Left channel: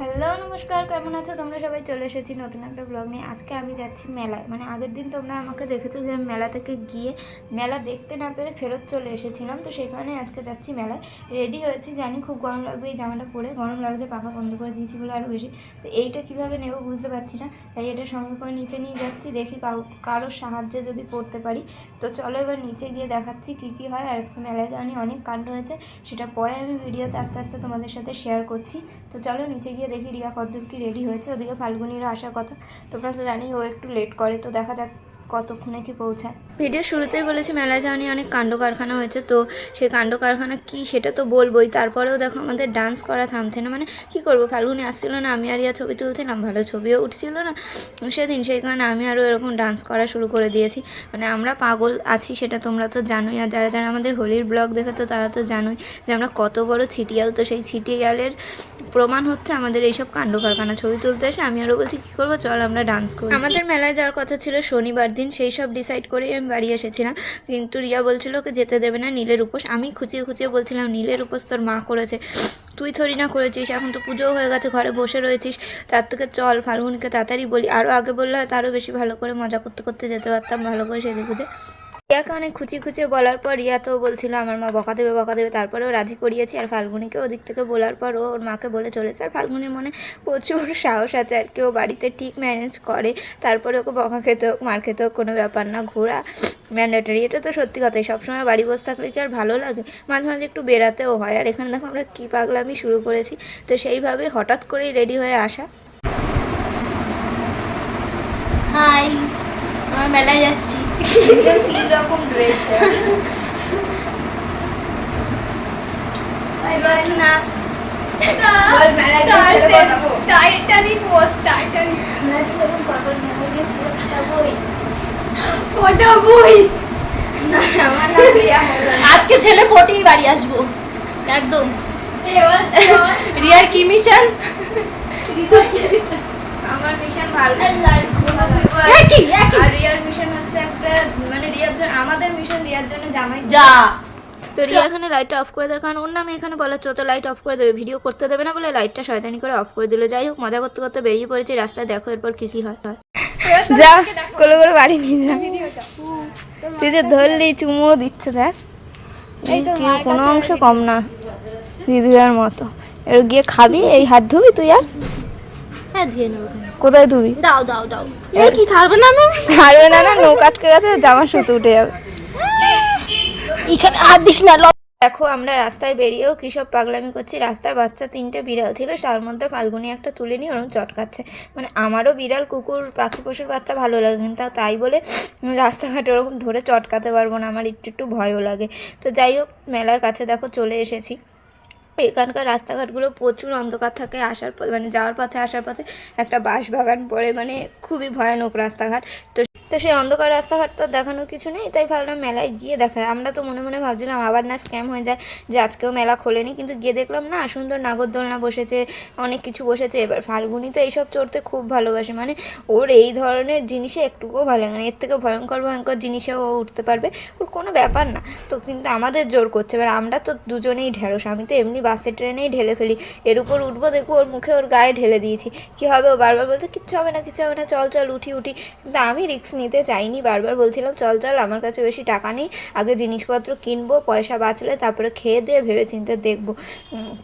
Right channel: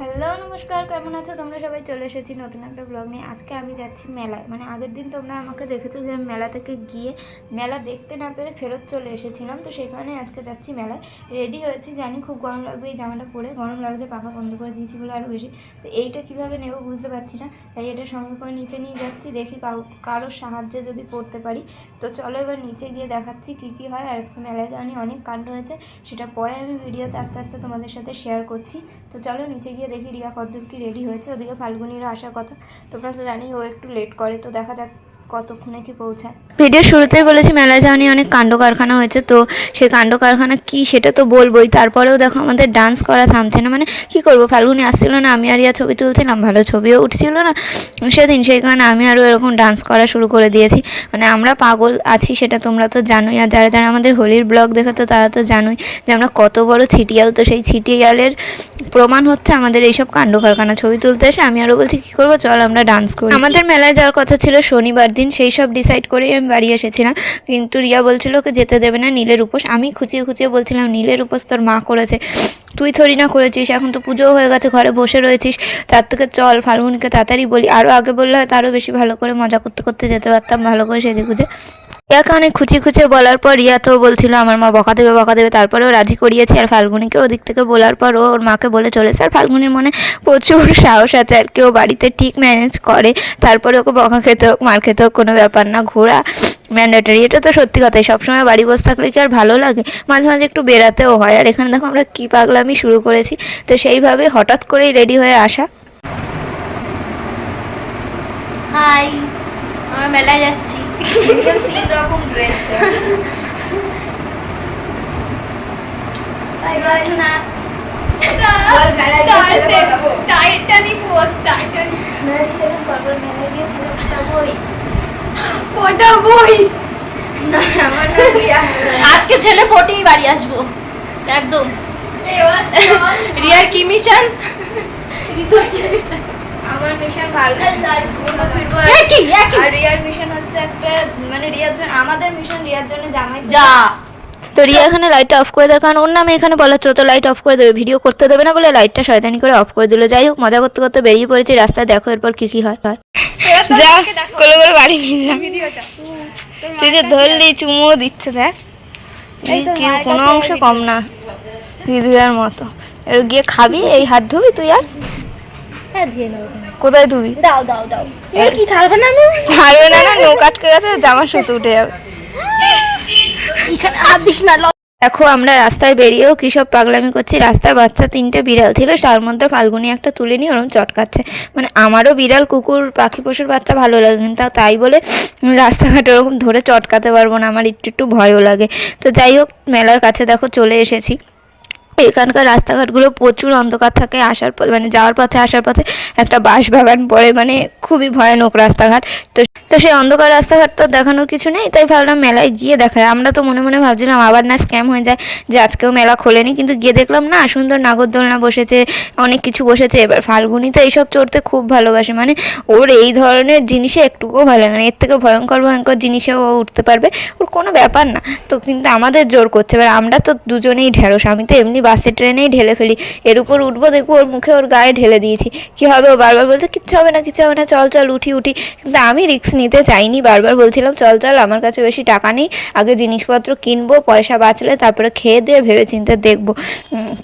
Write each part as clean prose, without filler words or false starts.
Hello নমস্কার, কেমন আছো তোমরা সবাই? চলে এসেছি নতুন একটা ব্লগ নিয়ে। আজকে আমি যাচ্ছি মেলায়। মানে আগের দিন তোমরা আমাকে দেখেছো যে আমি মেলা থেকে গিয়ে মেলা দেখতে না পেরে ফেরত চলে এসেছিলাম, তো সেখানে আজকে যাচ্ছি মেলায়। রেডি হয়েছি, জানি খুব গরম লাগবে এই জামাটা পরে, গরম লাগছে, পাখা বন্ধ করে দিয়েছি বলে আরও বেশি। তো এইটা কীভাবে নেবো বুঝতে পারছি না, তাই এটা সঙ্গে করে নিচে নিয়ে যাচ্ছি, দেখি কারোর সাহায্যে যদি পড়তে পারি। তো চলো এবার নিচে গিয়ে দেখাচ্ছি কী কী হয়। আর আজকে মেলায় যাওয়া নিয়ে অনেক কাণ্ড হয়েছে, সেটা পরে আমি ভিডিওতে আস্তে আস্তে তোমাদের সাথে শেয়ার করছি। তো চলো নিচে গিয়ে দেখি রিয়া কতদূর কি রেডি হয়েছে। ওদিকে ফাল্গুনিরও আসার কথা, তোমরা তো জানি ও একটু লেট করে, তো দেখা যাক কতক্ষণে কি পৌঁছায়। ভিডিও শুরুতেই বলেছি মেলায় যাওয়া নিয়ে অনেক কাণ্ড কারখানা হয়েছে, তো সেই কাণ্ড কারখানা কী সেটা তো বলবোই। তারপরেও দেখো আমাদের ডান্স করা থামছে না। মানে কি করবো, ফাল্গুনি আসছিল না, আমি আর রিয়া ছবি তুলছিলাম, ভালো ছবিও উঠছিল না সেদিন, সেই কারণে আমি আরও এরকম ডান্স করা শুরু করে দিয়েছি। মানে আমরা পাগল আছি সেটা তোমরা তো জানোই, আর যারা যারা আমাদের হোলির ব্লগ দেখেছো তারা তো জানোই যে আমরা কত বড় ছিটিয়াল। তো সেই ছিটিয়ালের প্রমাণ হচ্ছে আমাদের এইসব কাণ্ড কারখানা। ছবি তুলতে এসে আমি আরও বলছি কী করবো, চল আমরা ডান্স করি। আমাদের মেলায় যাওয়ার কথা ছিল শনিবার দিন, সেই সব ডিসাইড করেই আমি বাড়ি এসেছিলাম, কিন্তু রিয়া বলছিল ওকে যেতে দেবে না, নীলের উপোস। আমি খুঁচিয়ে খুঁচিয়ে বলছিলাম নীলের উপোস তোর মা করেছে, তুই থরি না করেছিস, এখন তো পুজোও হয়ে গেছে, ঘরে বসে রয়েছিস, তার থেকে চল ফাল্গুনিকে তাড়াতাড়ি বলি। আরও আগে বললে হয়তো আরও বেশি ভালো করে মজা করতে করতে যেতে পারতাম, ভালো করে সেজে গুজে। রিয়াকে অনেক খুঁচিয়ে খুঁচিয়ে বলার পর রিয়া তো বলছিল আমার মা বকা দেবে, তারপরেও রাজি করিয়েছি। আর ফাল্গুনিকে ওদিক থেকে বলার পর ও ওর মাকে বলে চলেছে। আর ফাল্গুনির মনে প্রচুর সাহস আছে আর কি, ও বাড়িতে ঠিক ম্যানেজ করে। তারপরে ওকে বকা খেতে হোক মার খেতে হোক কোনো ব্যাপার না, ঘোরা ম্যান্ডেটারি, এটা তো সত্যি কথাই। সবসময় বাড়ি বসে থাকলে কি আর ভালো লাগে, মাঝে মাঝে একটু বেরাতেও হয়। আর এখানে দেখো আমরা কী পাগলামি শুরু করেছি। তো সেইভাবে হঠাৎ করেই রেডি হয়ে আসা। হাই, আমরা মেলায় যাচ্ছি। 3 রকম ড্রেস নাচ টাইটানিক ওয়াজ টাইটানিক। ওটা বই। আজকে ছেলে পটেই বাড়ি আসবো একদম। রিয়ার কি মিশন? আমার মিশন ভালো, আর রিয়ার মিশন হচ্ছে একটা, মানে রিয়ার জন্য, আমাদের মিশন রিয়ার জন্য জামাই যা। তো রিয়া এখানে লাইটটা অফ করে দেয়, কারণ ওর নামে এখানে বলা হচ্ছে তো লাইট অফ করে দেবে, ভিডিও করতে দেবে না বলে লাইটটা শয়তানি করে অফ করে দিল। যাই হোক, মজা করতে করতে বেরিয়ে পড়েছি রাস্তায়, দেখো এরপর কি কি হয়। যা কোলে করে বাড়ি নিয়ে যা, তুই যে ধরলি চুমো দিচ্ছে, দেখ কেউ কোনো অংশ কম না, দিদির মতো। এর গিয়ে খাবি, এই হাত ধুবি তুই? আর কোথায় ধুবি? দাও দাও দাও, কি ছাড়বে না? ছাড়বে না, নৌকা আটকে গেছে, জামা সুতো উঠে যাবে। এখানে হাত দিস না। দেখো আমরা রাস্তায় বেরিয়েও কী সব পাগলামি করছি। রাস্তায় বাচ্চা 3টে বিড়াল ছিল, তার মধ্যে ফাল্গুনি একটা তুলে নিয়ে ওরকম চটকাচ্ছে। মানে আমারও বিড়াল কুকুর পাখি পশুর বাচ্চা ভালো লাগে, কিন্তু তাই বলে রাস্তাঘাটে ওরকম ধরে চটকাতে পারবো না, আমার একটু একটু ভয়ও লাগে। তো যাই হোক, মেলার কাছে দেখো চলে এসেছি। এখানকার রাস্তাঘাটগুলো প্রচুর অন্ধকার থাকে, আসার পথে মানে যাওয়ার পথে আসার পথে একটা বাঁশবাগান পড়ে, মানে খুবই ভয়ানক রাস্তাঘাট। তো তো সেই অন্ধকার রাস্তাঘাট তো দেখানোর কিছু নেই, তাই ভাবলাম মেলায় গিয়ে দেখায়। আমরা তো মনে মনে ভাবছিলাম আবার না স্ক্যাম হয়ে যায়, যে আজকেও মেলা খোলেনি, কিন্তু গিয়ে দেখলাম না, সুন্দর নাগরদোলনা বসেছে, অনেক কিছু বসেছে। এবার ফাল্গুনি তো এইসব চড়তে খুব ভালোবাসে, মানে ওর এই ধরনের জিনিসে একটুকুও ভালো লাগে না, এর থেকে ভয়ঙ্কর ভয়ঙ্কর জিনিসেও ও উঠতে পারবে, ওর কোনো ব্যাপার না। তো কিন্তু আমাদের জোর করছে, এবার আমরা তো দুজনেই ঢেঁড়স, আমি তো এমনি বাসে ট্রেনেই ঢেলে ফেলি, এর উপর উঠবো দেখবো ওর মুখে ওর গায়ে ঢেলে দিয়েছি, কি হবে? ও বারবার বলছে কিচ্ছু হবে না কিচ্ছু হবে না, চল চল উঠি উঠি, কিন্তু আমি রিস্ক নিতে চাইনি, বারবার বলছিলাম চল চল, আমার কাছে বেশি টাকা নেই, আগে জিনিসপত্র কিনবো, পয়সা বাঁচলে তারপরে খেয়ে দিয়ে ভেবে চিন্তে দেখবো।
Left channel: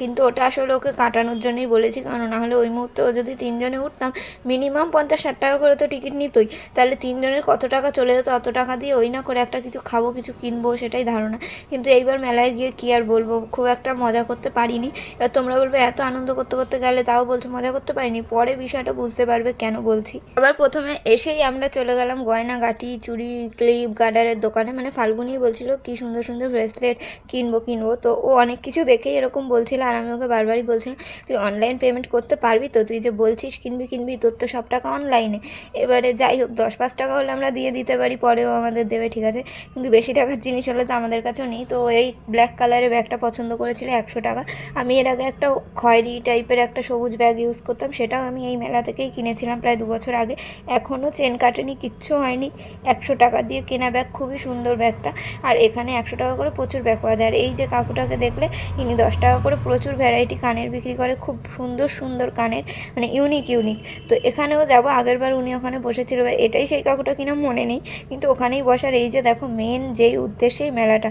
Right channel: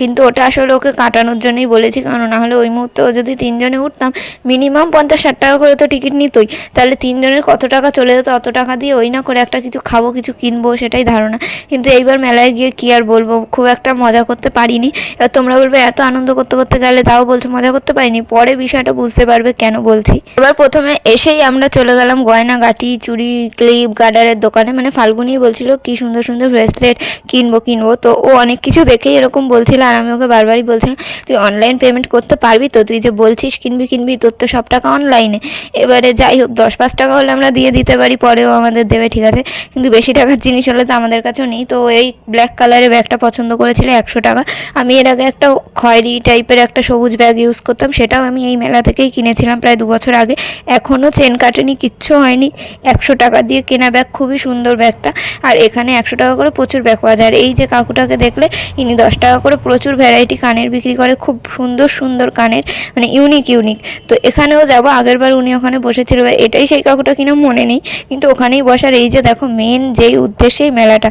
কিন্তু ওটা আসলে ওকে কাটানোর জন্যই বলেছি, কারণ নাহলে ওই মুহূর্তে ও যদি 3 জনে উঠতাম, মিনিমাম 50-60 টাকা করে তো টিকিট নিতই, তাহলে 3 জনের কত টাকা চলে যেত, অত টাকা দিয়ে ওই না করে একটা কিছু খাবো কিছু কিনবো, সেটাই ধারণা। কিন্তু এইবার মেলায় গিয়ে কি আর বলবো, খুব একটা মজা করতে পারিনি। এবার তোমরা বলবে এত আনন্দ করতে করতে গেলে তাও বলছো মজা করতে পারিনি, পরে বিষয়টা বুঝতে পারবে কেন বলছি। এবার প্রথমে এসেই আমরা চলে গেলাম গয়নাগাটি চুড়ি ক্লিপ গার্ডারের দোকানে। মানে ফাল্গুনি বলছিল কি সুন্দর সুন্দর ব্রেসলেট কিনবো, তো ও অনেক কিছু দেখেই এরকম বলছিল, আর আমি ওকে বারবারই বলছিলাম তুই অনলাইন পেমেন্ট করতে পারবি তো, তুই যে বলছিস কিনবি তোর তো সব টাকা অনলাইনে। এবারে যাই হোক, 10-5 টাকা হলে আমরা দিয়ে দিতে পারি, পরেও আমাদের দেবে, ঠিক আছে, কিন্তু বেশি টাকার জিনিস হলে তো আমাদের কাছেও নেই। তো এই ব্ল্যাক কালারের ব্যাগটা পছন্দ করেছিল 100 টাকা, আমি এর আগে একটা খয়েরি টাইপের একটা সবুজ ব্যাগ ইউজ করতাম, সেটাও আমি এই মেলা থেকেই কিনেছিলাম প্রায় 2 বছর আগে। এখনও চেন কাটেনি, কিচ্ছু হয়নি। 100 টাকা দিয়ে কেনা ব্যাগ, খুবই সুন্দর ব্যাগটা। আর এখানে 100 টাকা করে প্রচুর ব্যাগ পাওয়া যায়। আর এই যে কাকুটাকে দেখলে, ইনি 10 টাকা করে প্রচুর ভ্যারাইটি কানের বিক্রি করে, খুব সুন্দর সুন্দর কানের, মানে ইউনিক ইউনিক। তো এখানেও যাবো, আগেরবার উনি ওখানে বসেছিল, এটাই সেই কাকুটা কিনা মনে নেই, কিন্তু ওখানেই বসার। এই যে দেখো মেন যেই উদ্দেশ্যেই মেলাটা,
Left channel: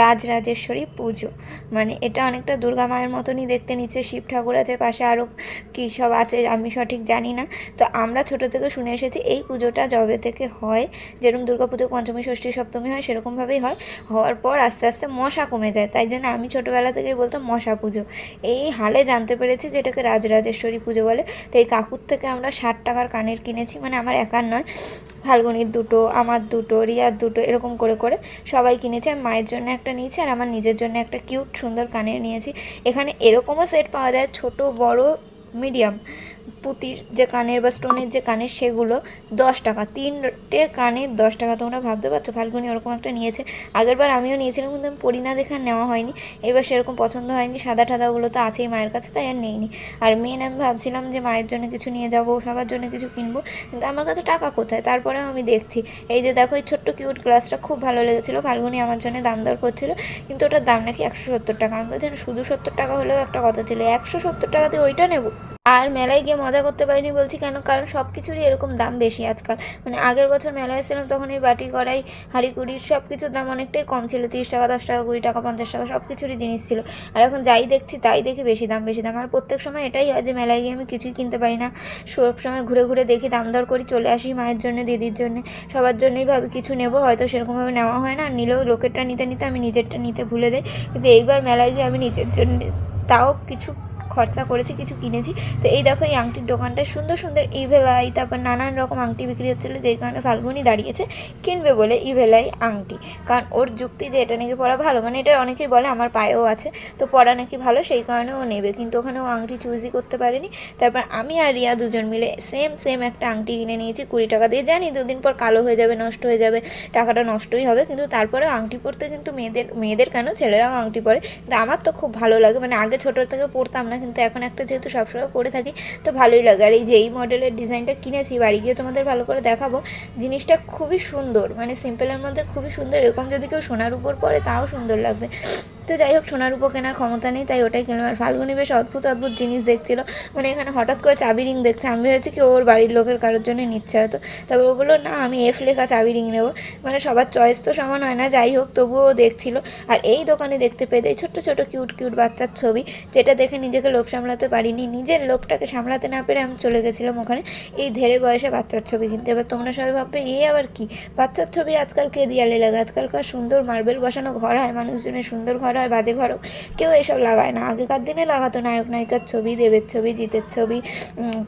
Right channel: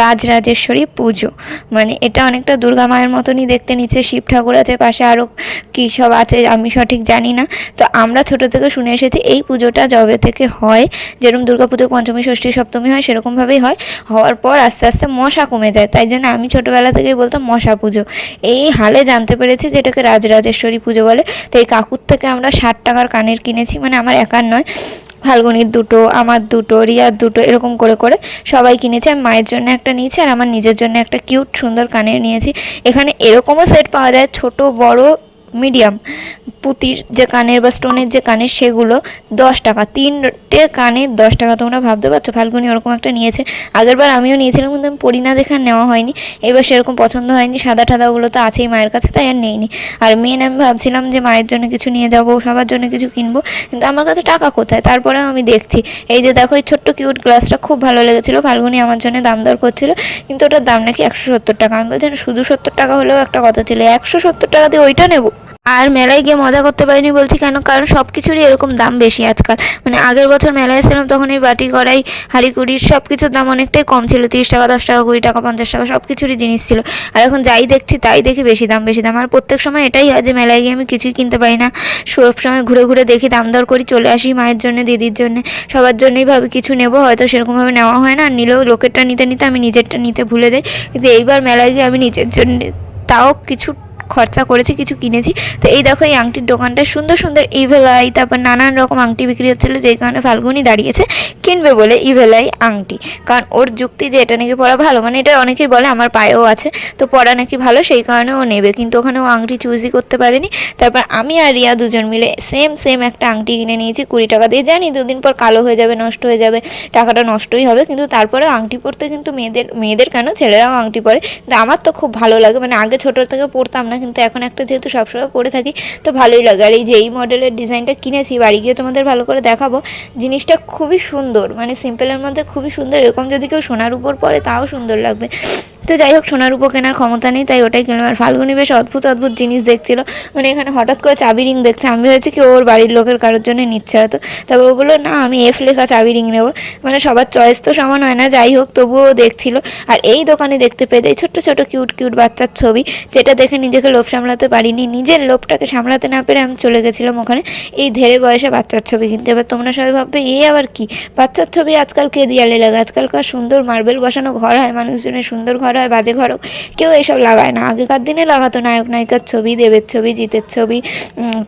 রাজরাজেশ্বরী পুজো, মানে এটা অনেকটা দুর্গা মায়ের মতনই দেখতে। নিচে শিব ঠাকুর আছে, পাশে আরও কী সব আছে আমি সঠিক জানি না। তো আমরা ছোটো থেকে শুনে এসেছি এই পুজোটা যবে থেকে হয়, যেরকম দুর্গা পুজো পঞ্চমী ষষ্ঠী সপ্তমী হয় সেরকমভাবেই হয়। হওয়ার পর আস্তে আস্তে মশা কমে যায়, তাই জন্য আমি ছোটোবেলা থেকেই বলতাম মশা পুজো। এই হালে জানতে পেরেছি যে এটাকে রাজরাজেশ্বরী পুজো বলে। তো এই কাকুর থেকে আমরা 60 টাকার কানের কিনেছি, মানে আমার একার নয়, ফাল্গুনির দুটো, আমার দুটো, রিয়ার দুটো, এরকম করে করে সবাই কিনেছে। আমি মায়ের জন্য একটা নিয়েছি আর আমার নিজের জন্য একটা কিউট সুন্দর কানের নিয়েছি। এখানে এরকমও সেট পাওয়া যায়, ছোট বড় মিডিয়াম, পুঁতির যে কানের বা স্টোনের যে কানের, সেগুলো 10 টাকা, 3টে কানের 10 টাকা। তোমরা ভাবতে পারছো, ফাল্গুনি ওরকম একটা নিয়েছে। আগেরবার আমিও নিয়েছিলাম, কিন্তু আমি পরি না দেখে নেওয়া হয়নি। এবার সেরকম পছন্দ হয়নি, সাদা ঠাদাগুলো তো আছেই মায়ের কাছে, তাই আর নেইনি। আর মেন আমি ভাবছিলাম যে মায়ের জন্য কিছু নিয়ে যাবো, সবার জন্য কিছু কিনবো, কিন্তু আমার কাছে টাকা কোথায়। তারপরে আমি দেখছি, এই যে দেখো এই ছোট্ট কিউট গ্লাসটা খুব ভালো লেগেছিলো, ফাল্গুনি আমার জন্য দাম দর করছিল, কিন্তু ওটার দাম নাকি 170 টাকা। আমি বলছি শুধু 70 টাকা হলেও একটা কথা ছিল, 170 টাকা দিয়ে ওইটা নেবো। আর মেলায় গিয়ে মজা করতে পারিনি, বলছি কেন, কারণ সব কিছুরই এরকম দাম বেশি আজকাল। মানে আগের বছর মেলায় এসেছিলাম তখন এই বাটি কড়াই হাঁড়ি কুড়ির সব কিছুর দাম অনেকটাই কম ছিল, 30 টাকা 10 টাকা 20 টাকা 50 টাকা সব কিছুরই জিনিস ছিল। আর এখন যাই দেখছি তাই দেখি বেশি দাম বেশি দাম। আর প্রত্যেক সময় এটাই হয় যে মেলায় গিয়ে আমি কিছুই কিনতে পারি না, সব সময় ঘুরে ঘুরে দেখি, দাম দর করি, চলে আসি। মায়ের জন্য, দিদির জন্য, সবার জন্যই ভাবি কিছু নেবো, হয়তো সেরকমভাবে নেওয়া হয় না। আর নিলেও লোকেরটা নিতে নিতে আমি নিজেরটা নিতে ভুলে যাই। কিন্তু এইবার মেলায় গিয়ে আমি নিজের জন্য তাও কিছু খরচা করেছি, কিছু কিনেছি। তো এই দেখো এই আংটির দোকানটা, সুন্দর সুন্দর ইভেলাই, তারপর নানান রকম আংটি বিক্রি হচ্ছিলো, যেই কারণে ফাল্গুনি দাঁড়িয়েছে কিনবে বলে ইভেলাই আংটি। কারণ ওর যুক্তি যে এটা নাকি পরা ভালো, মানে এটা অনেকেই বলে, আমার পায়েও আছে, তো পরা নাকি ভালো, সেই কারণে ও নেবে। কিন্তু ওখানে ও আংটি চুজই করতে পারেনি। তারপর আমি আর রিয়া দুজন মিলে সেম একটা আংটি কিনে নিয়েছি 20 টাকা দিয়ে। জানি 2 দিন পর কালো হয়ে যাবে, নষ্ট হয়ে যাবে, টাকাটা নষ্টই হবে, কিন্তু তারপরেও আংটি পরতে কিন্তু মেয়েদের কেন, ছেলেরাও আংটি পরে, কিন্তু আমার তো খুব ভালো লাগে। মানে আগে ছোটো থেকে পরতাম না, কিন্তু এখন একটা যেহেতু সবসময় পরে থাকি তো ভালোই লাগে। আর এই যে এই মডেলের ডিজাইনটা কিনেছি, বাড়ি গিয়ে তোমাদের ভালো করে দেখাবো। জিনিসটা খুবই সুন্দর, মানে সিম্পলের মধ্যে খুবই সুন্দর। এরকম যদি কেউ সোনার উপর পরে তাও সুন্দর লাগবে। তো যাই হোক, সোনার উপর কেনার ক্ষমতা নেই, তাই ওটাই কিনলাম। আর ফাল্গুনি বেশ অদ্ভুত অদ্ভুত জিনিস দেখছিল, মানে এখানে হঠাৎ করে চাবি রিং দেখছে। আমি ভেবেছি কি ওর বাড়ির লোকের কারোর জন্য নিচ্ছে হয়তো। তারপর ও বললো না আমি এফ লেখা চাবি রিং নেবো। মানে সবার চয়েস তো সমান হয় না, যাই হোক তবুও দেখছিল। আর এই দোকানে দেখতে পেয়ে এই ছোট্ট ছোট কিউট কিউট বাচ্চার ছবি, যেটা দেখে নিজেকে লোভ সামলাতে পারিনি। নিজের লোভটাকে সামলাতে না পেরে আমি চলে গেছিলাম ওখানে এই ধেরে বয়সে বাচ্চার ছবি কিনতে। এবার তোমরা সবাই ভাববে এ আবার কি, বাচ্চার ছবি আজকাল কে দিয়ালে লাগে? আজকালকার সুন্দর মার্বেল বসানো ঘর হয়, মানুষজনের সুন্দর ঘর হয়, বাজে ঘর হোক, কেউ এইসব লাগায় না। আগেকার দিনে লাগাতো নায়ক নায়িকার ছবি, দেবের ছবি, জিতের ছবি,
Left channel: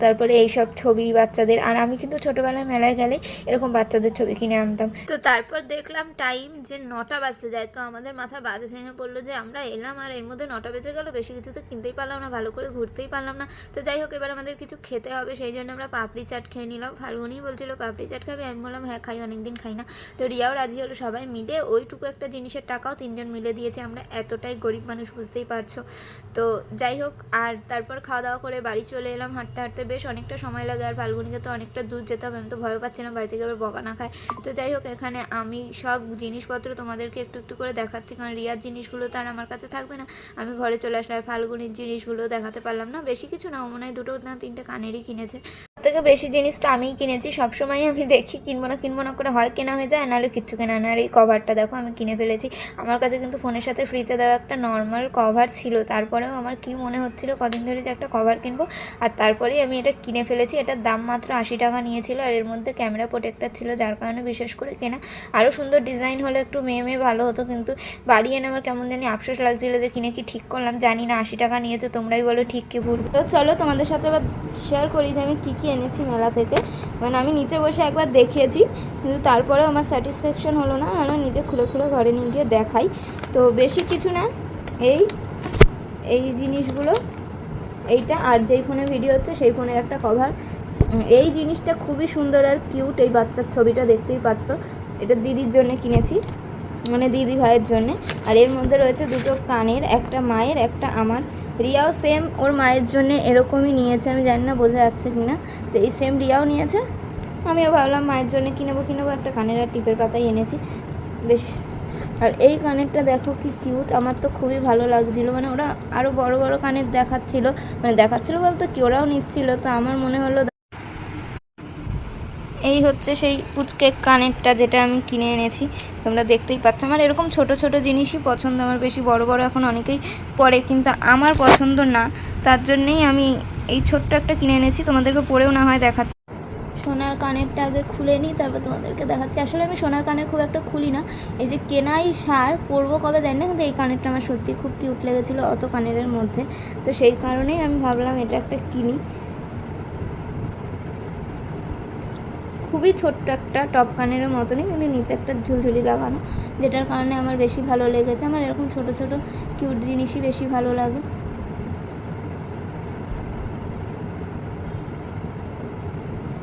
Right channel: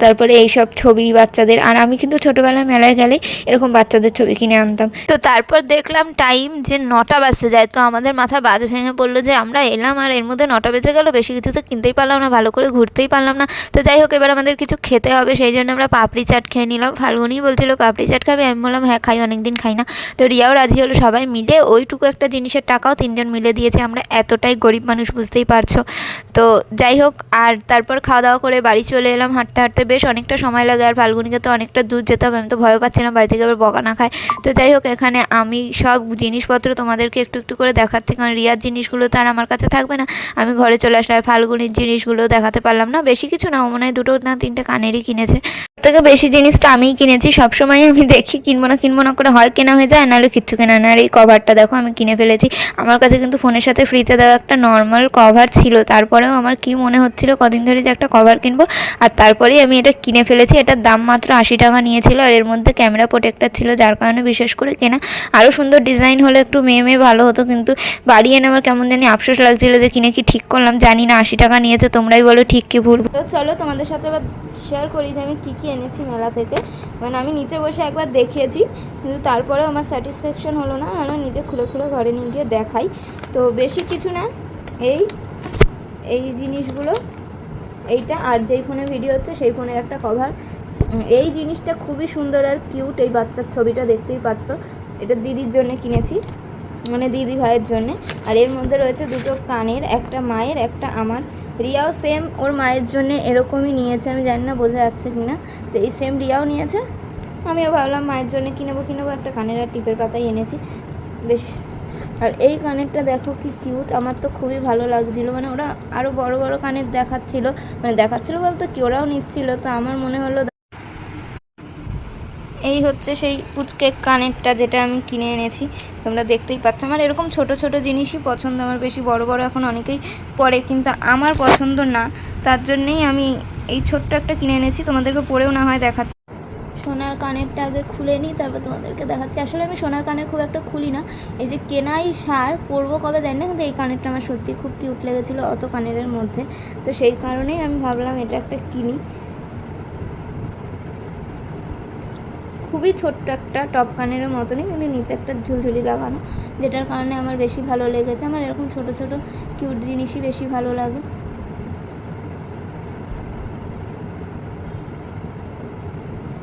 তারপরে এইসব ছবি বাচ্চাদের। আর আমি কিন্তু ছোটোবেলায় মেলায় গেলে এরকম বাচ্চাদের ছবি কিনে আনতাম। তো তারপর দেখলাম টাইম যে 9টা বাজতে যায়, তো আমাদের মাথা বাজ ভেঙে পড়লো যে আমরা এলাম আর এর মধ্যে 9টা বেজে গেল, বেশি কিছু তো কিনতেই পারলাম না, ভালো করে ঘুরতেই পারলাম না। তো যাই হোক, এবার আমাদের কিছু খেতে হবে, সেই জন্য আমরা পাপড়ি চাট খেয়ে নিলাম। ফাল্গুনি বলছিল পাপড়ি চাট খাবে, আমি বললাম হ্যাঁ খাই, অনেকদিন খাই না। তো রিয়াও রাজি হলো, সবাই মিলে ওইটুকু একটা জিনিসের টাকাও 3জন মিলে দিয়েছে। আমরা এতটাই গরিব মানুষ, বুঝতেই পারছো। তো যাই হোক, আর তারপর খাওয়া দাওয়া করে বাড়ি চলে এলাম। হাঁটতে হাঁটতে বেশ অনেকটা সময় লাগে, আর ফাল্গুনিকে তো অনেকটা দূর যেতে হবে, আমি তো ভয় পাচ্ছিলাম বাড়ি থেকে আবার বকা না খায়। তো যাই হোক, এখানে আমি সব জিনিসপত্র তোমাদেরকে একটু একটু করে দেখাচ্ছি, কারণ রিয়ার জিনিসগুলো তো আর আমার কাছে থাকবে না, আমি ঘরে চলে আসলে। আর ফাল্গুনির জিনিসগুলো দেখাতে পারলাম না, বেশি কিছু না, মনে হয় 2 না 3টে কানেরই কিনেছে। থেকে বেশি জিনিসটা আমিই কিনেছি। সবসময় আমি দেখি কিনবো না করে হয় কেনা হয়ে যায়, নাহলে কিচ্ছু কেনা না। আর এই কভারটা দেখো আমি কিনে ফেলেছি। আমার কাছে কিন্তু ফোনের সাথে ফ্রিতে দেওয়া একটা নর্মাল কভার ছিল, তারপরেও আমার কি মনে হচ্ছিল কদিন ধরে যে একটা কভার কিনবো, আর তারপরেই আমি এটা কিনে ফেলেছি। এটার দাম মাত্র 80 টাকা নিয়েছিল, আর এর মধ্যে ক্যামেরা প্রোটেক্টর ছিল, যার কারণে বিশেষ করে কেনা। আরও সুন্দর ডিজাইন হলে একটু মেয়ে ভালো হতো, কিন্তু বাড়ি এনে আমার কেমন জানি আফসোস লাগছিল যে কিনে কি ঠিক করলাম। জানি না 80 টাকা নিয়েছে, তোমরাই বলো ঠিক কি ভুল। তো চলো তোমাদের সাথে এবার শেয়ার করি যে আমি কী কী এনেছি মেলা থেকে। মানে আমি নিচে বসে একবার দেখিয়েছি, কিন্তু তারপরেও আমার স্যাটিসফ্যাকশন হলো না, মানে নিজে খুলে খুলে ঘরে নিয়ে গিয়ে দেখাই। তো বেশি কিছু না, এই জিনিসগুলো, এইটা আর যেই ফোনে ভিডিও হচ্ছে সেই ফোনের একটা কভার। এই জিনিসটা খুবই সুন্দর আর কিউট, এই বাচ্চার ছবিটা দেখতেই পাচ্ছ, এটা দিদির জন্য কিনেছি। মানে দিদি ভাইয়ের জন্যে। আর এর মধ্যে রয়েছে দুটো কানের, একটা মায়ের একটা আমার। রিয়াও সেম ওর মায়ের জন্য এরকমই নিয়েছে, আমি জানি না বোঝা যাচ্ছে কি না। তো এই সেম রিয়াও নিয়েছে, আমিও ভাবলাম মায়ের জন্য কিনেবো একটা কানের আর টিপের পাতাই এনেছি বেশ। আর এই কানেরটা দেখো কি কিউট, আমার তো খুবই ভালো লাগছিলো। মানে ওরা আরও বড় বড় কানের দেখাচ্ছিলো, মানে দেখাচ্ছিলো বলতে কি ওরাও নিচ্ছিলো, তো আমার মনে হলো এই হচ্ছে সেই পুচকে কানেরটা যেটা আমি কিনে এনেছি। তোমরা দেখতেই পাচ্ছ আমার এরকম ছোট ছোট জিনিসই পছন্দ, আমার বেশি বড় বড় এখন অনেকেই পরে, কিন্তু আমার পছন্দ না, তার জন্যেই আমি এই ছোট্ট একটা কিনে এনেছি। তোমাদেরকে পরেও না হয় দেখাচ্ছি। সোনার কানেরটা আগে খুলে নিই, তারপর তোমাদেরকে দেখাচ্ছি। আসলে আমি সোনার কানের খুব একটা খুলি না, এই যে কেনাই সার, পরবো কবে জানি না, কিন্তু এই কানেরটা আমার সত্যি খুব কিউট লেগেছিলো অত কানের মধ্যে, তো সেই কারণেই আমি ভাবলাম এটা একটা কিনি। খুবই ছোট্ট একটা টপ কানের মতনই, কিন্তু নিচে একটা ঝুলঝুলি লাগানো, যেটার কারণে আমার বেশি ভালো লেগেছে। আমার এরকম ছোট ছোট কিউট জিনিসই বেশি ভালো লাগে।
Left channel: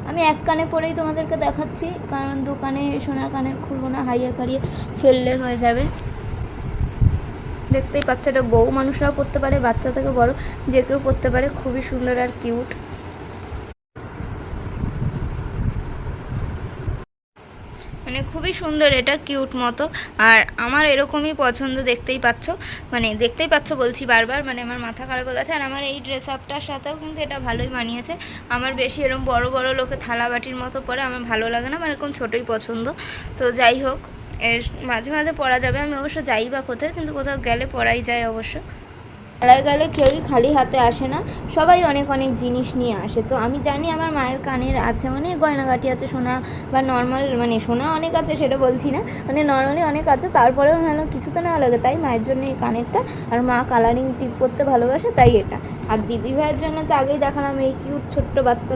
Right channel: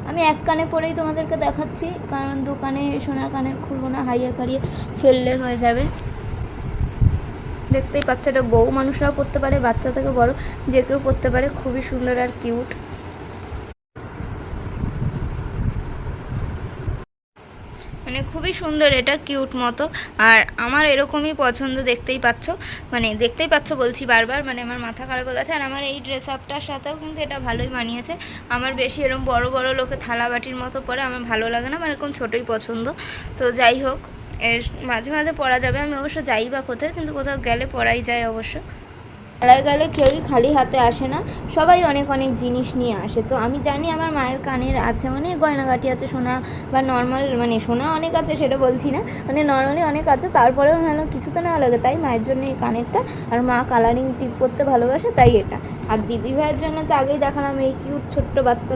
আমি এক কানে পরেই তোমাদেরকে দেখাচ্ছি, কারণ দোকানে সোনার কানের খুলবো না, হারিয়ে ফারিয়ে ফেললে হয়ে যাবে। দেখতেই পাচ্ছ, এটা বউ মানুষরাও পরতে পারে, বাচ্চা থেকে বড় যে কেউ পরতে পারে, খুবই সুন্দর আর কিউট। মানে খুবই সুন্দর, এটা কিউট মতো। আর আমার এরকমই পছন্দ, দেখতেই পাচ্ছ বলছি বারবার, মানে আমার মাথা খারাপ হয়ে গেছে। আর আমার এই ড্রেস আপটার সাথেও কিন্তু এটা ভালোই মানিয়েছে। আমার বেশি এরকম বড় বড় লোকে থালা বাটির মতো পরে আমার ভালো লাগে না, আমার এরকম ছোটোই পছন্দ। তো যাই হোক, এর মাঝে মাঝে পরা যাবে, আমি অবশ্য যাই বা কোথায়, কিন্তু কোথাও গেলে পরাই যায় অবশ্য। মেলায় গেলে কেউই খালি হাতে আসে না, সবাই অনেক অনেক জিনিস নিয়ে আসে। তো আমি জানি আমার মায়ের কানের আছে অনেক গয়নাগাটি আছে, সোনা বা নর্মাল, মানে সোনা অনেক আছে সেটা বলছি না, মানে নর্মালি অনেক আছে, তারপরেও কিছু তো নেওয়া লাগে, তাই মায়ের জন্য এই কানেরটা। আর মা কালারিং টিপ করতে ভালোবাসে, তাই এটা। আর দিদি ভাইয়ের জন্য তো আগেই দেখালাম এই কিউট ছোট্ট বাচ্চা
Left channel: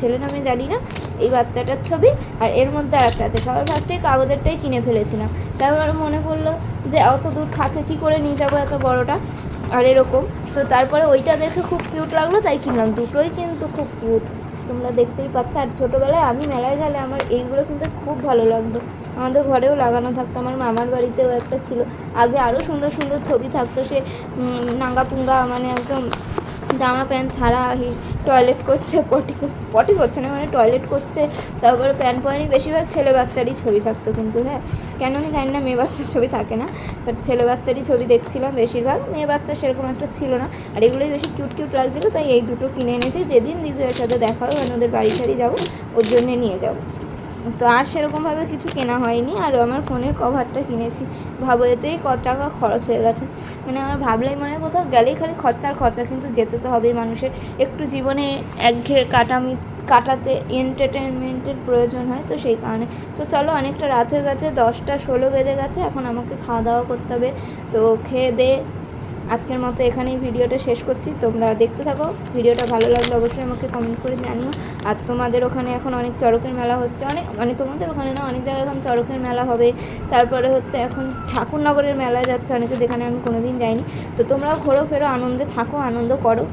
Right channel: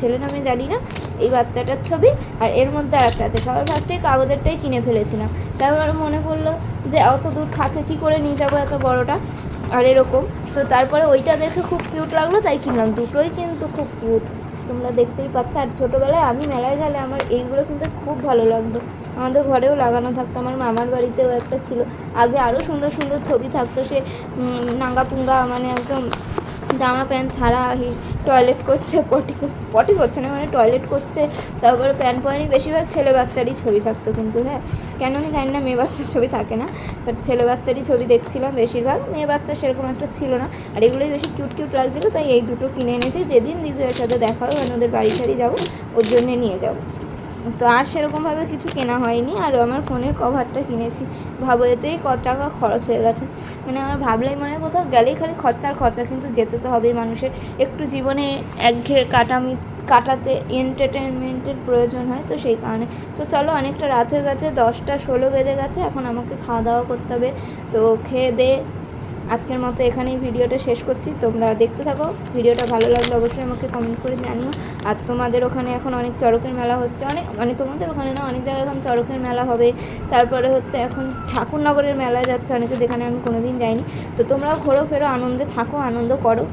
ছেলে নামে জানি না, এই বাচ্চাটার ছবি। আর এর মধ্যে একটা আছে, সবার ফার্স্টে কাগজেরটাই কিনে ফেলেছিলাম, তারপর মনে পড়লো যে অত দূর থাকে কী করে নিয়ে যাবো এত বড়টা, আর এরকম। তো তারপরে ওইটা দেখে খুব কিউট লাগলো, তাই কিনলাম। দুটোই কিন্তু খুব কিউট, তোমরা দেখতেই পাচ্ছ। আর ছোটোবেলায় আমি মেলায় গেলে আমার এইগুলো কিন্তু খুব ভালো লাগতো, আমাদের ঘরেও লাগানো থাকতো, আমার মামার বাড়িতেও একটা ছিল। আগে আরও সুন্দর সুন্দর ছবি থাকতো, সে নাঙ্গা পুঙ্গা, মানে একদম জামা প্যান্ট ছাড়া টয়লেট করছে, পটি করছে না, মানে টয়লেট করছে, তারপরে প্যান্ট পরেনি, বেশিরভাগ ছেলে বাচ্চারই ছবি থাকতো। কিন্তু হ্যাঁ, কেন আমি জানি না, মেয়ে বাচ্চার ছবি থাকে না, বাট ছেলে বাচ্চারই ছবি দেখছিলাম বেশিরভাগ, মেয়ে বাচ্চা সেরকম একটা ছিল না। আর এগুলোই বেশি কিউট কিউট লাগছিলো, তাই এই দুটো কিনে এনেছি। যেদিন দিদির সাথে দেখা হবে, মানে ওদের বাড়ি সারি যাবো, ওর জন্যে নিয়ে যাবো। তো আর সেরকমভাবে কিছু কেনা হয়নি। আর আমার ফোনের কভারটা কিনেছি, ভাবো এতেই কত টাকা খরচ হয়ে গেছে। মানে আমার ভাবলেই মনে হয় কোথাও গেলেই খালি খরচা, কিন্তু যেতে তো হবেই, মানুষের একটু জীবনে একঘেয়ে কাটাতে এন্টারটেনমেন্টের প্রয়োজন হয়, তো সেই কারণে। তো চলো, অনেকটা রাত হয়ে গেছে, 10টা 16 বেজে গেছে, এখন আমাকে খাওয়া দাওয়া করতে হবে। তো খেয়ে দে আজকের মতো এখানেই ভিডিওটা শেষ করছি। তোমরা দেখতে থাকো, ভিডিওটা ভালো লাগলে অবশ্যই আমাকে কমেন্ট করে জানিও। আর তোমাদের ওখানে এখন অনেক চড়কের মেলা হচ্ছে, অনেক, মানে তোমাদের ওখানে না, অনেক জায়গায় এখন চড়কের মেলা হবে। তারপরে হচ্ছে এখন ঠাকুরনগরের মেলায় যাচ্ছে অনেকে, যেখানে আমি কোনোদিন যাইনি। তো তোমরাও ঘোরো ফেরো, আনন্দে থাকো, আনন্দ করো।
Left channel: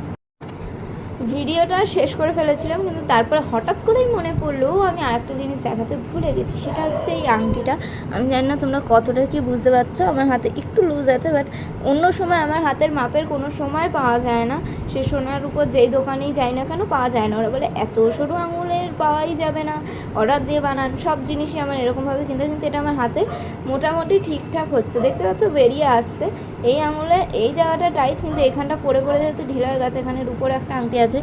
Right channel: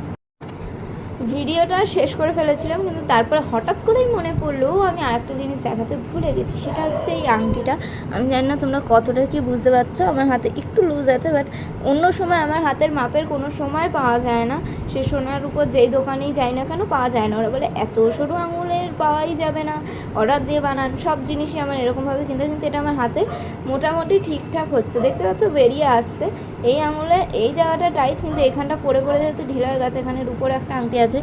ভিডিওটা শেষ করে ফেলেছিলাম, কিন্তু তারপরে হঠাৎ করেই মনে পড়লো আমি আরেকটা জিনিস দেখাতে ভুলে গেছি, সেটা হচ্ছে এই আংটিটা। আমি জানি না তোমরা কতটা কি বুঝতে পারছো, আমার হাতে একটু লুজ আছে, বাট অন্য সময় আমার হাতের মাপের কোনো সময় পাওয়া যায় না। সে সোনার উপর যেই দোকানেই যাই না কেন, পাওয়া যায় না। ওরা বলে এত সরু আঙুলের পাওয়াই যাবে না, অর্ডার দিয়ে বানান, সব জিনিসই আমার এরকমভাবে, কিন্তু এটা আমার হাতে মোটামুটি ঠিকঠাক হচ্ছে, দেখতে পাচ্ছ বেরিয়ে আসছে। এই আঙুলে এই জায়গাটা টাইট, কিন্তু এখানটা পরে যেহেতু ঢিলা হয়ে গেছে। এখানের উপরে একটা আংটি আছে,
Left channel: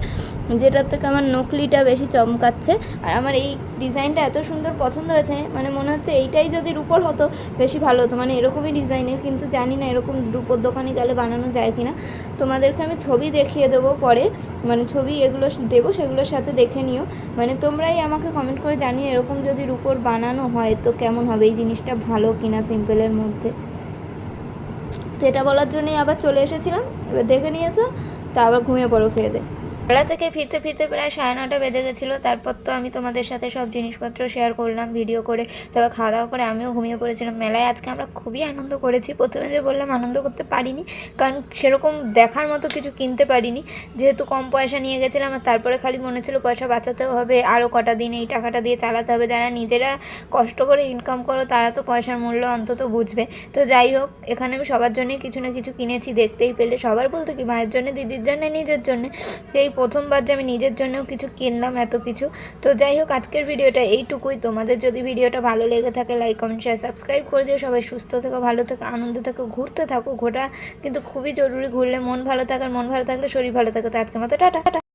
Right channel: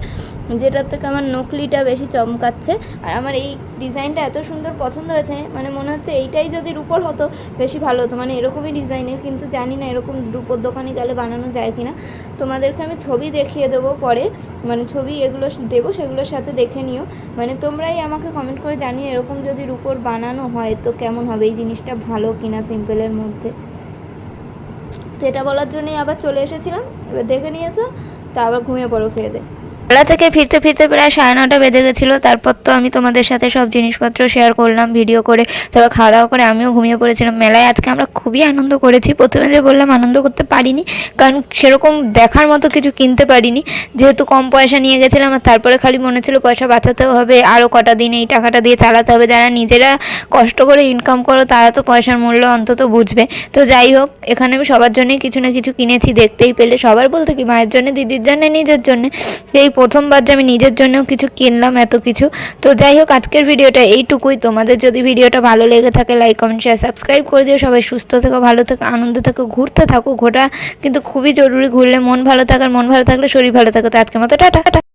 যেটার থেকে আমার নকলিটা বেশি চমকাচ্ছে। আর আমার এই ডিজাইনটা এত সুন্দর পছন্দ হয়েছে, মানে মনে হচ্ছে এইটাই যদি রূপোর হতো বেশি ভালো হতো, মানে এরকমই ডিজাইনের। কিন্তু জানি না এরকম রূপোর দোকানে গেলে বানানো যায় কি না। তোমাদেরকে আমি ছবি দেখিয়ে দেবো পরে, মানে ছবি এগুলো দেবো, সেগুলোর সাথে দেখে নিও। মানে তোমরাই আমাকে কমেন্ট করে জানিও, এরকম যদি রূপোর বানানো হয় তো কেমন হবে, এই জিনিসটা ভালো কিনা সিম্পলের মধ্যে। তো এটা বলার জন্যই আবার চলে এসেছিলাম। এবার দেখে নিয়েছো, তা আবার ঘুমিয়ে পড়ো, খেয়ে দে। মেলা থেকে ফিরতে ফিরতে প্রায় 9:30 বেজে গেছিলো। তারপর তো আমি তোমাদের সাথে সব জিনিসপত্র শেয়ার করলাম ভিডিও করে, তারপর খাওয়া দাওয়া করে আমিও ঘুমিয়ে পড়েছিলাম। মেলায় আজকে আমরা খুবই আনন্দ করেছি। প্রথমে যে বললাম আনন্দ করতে পারিনি, কারণ সেরকম দেখার মতো কিছু কিনতে পারিনি, যেহেতু কম পয়সা নিয়ে গেছিলাম। আর তারপরে খালি মনে ছিল পয়সা বাঁচাতেও হবে, আরও কটা দিন এই টাকাটা দিয়ে চালাতে হবে। যারা নিজেরা কষ্ট করে ইনকাম করো তারা তো পয়সার মূল্য অন্তত বুঝবে। তো যাই হোক, এখানে আমি সবার জন্যই কিছু না কিছু কিনেছি, দেখতেই পেলে। সবার বলতে কি, মায়ের জন্য, দিদির জন্য, নিজের জন্য। এই প্রথমবার যে আমি নিজের জন্যও কিছু কিনলাম এত কিছু। তো যাই হোক, আজকের ভিডিওটা এইটুকুই। তোমাদের যদি ভিডিওটা ভালো লেগে থাকে লাইক কমেন্ট শেয়ার সাবস্ক্রাইব করে দিও। সবাই সুস্থ থেকো, ভালো থেকো, আনন্দে থেকো, ঘুরতে থাকো। ঘোরা কিন্তু খুবই জরুরি, ঘুরলে মন ভালো থাকে, আর মন ভালো থাকলে শরীর ভালো থাকে। তো আজকের মতো টাটা।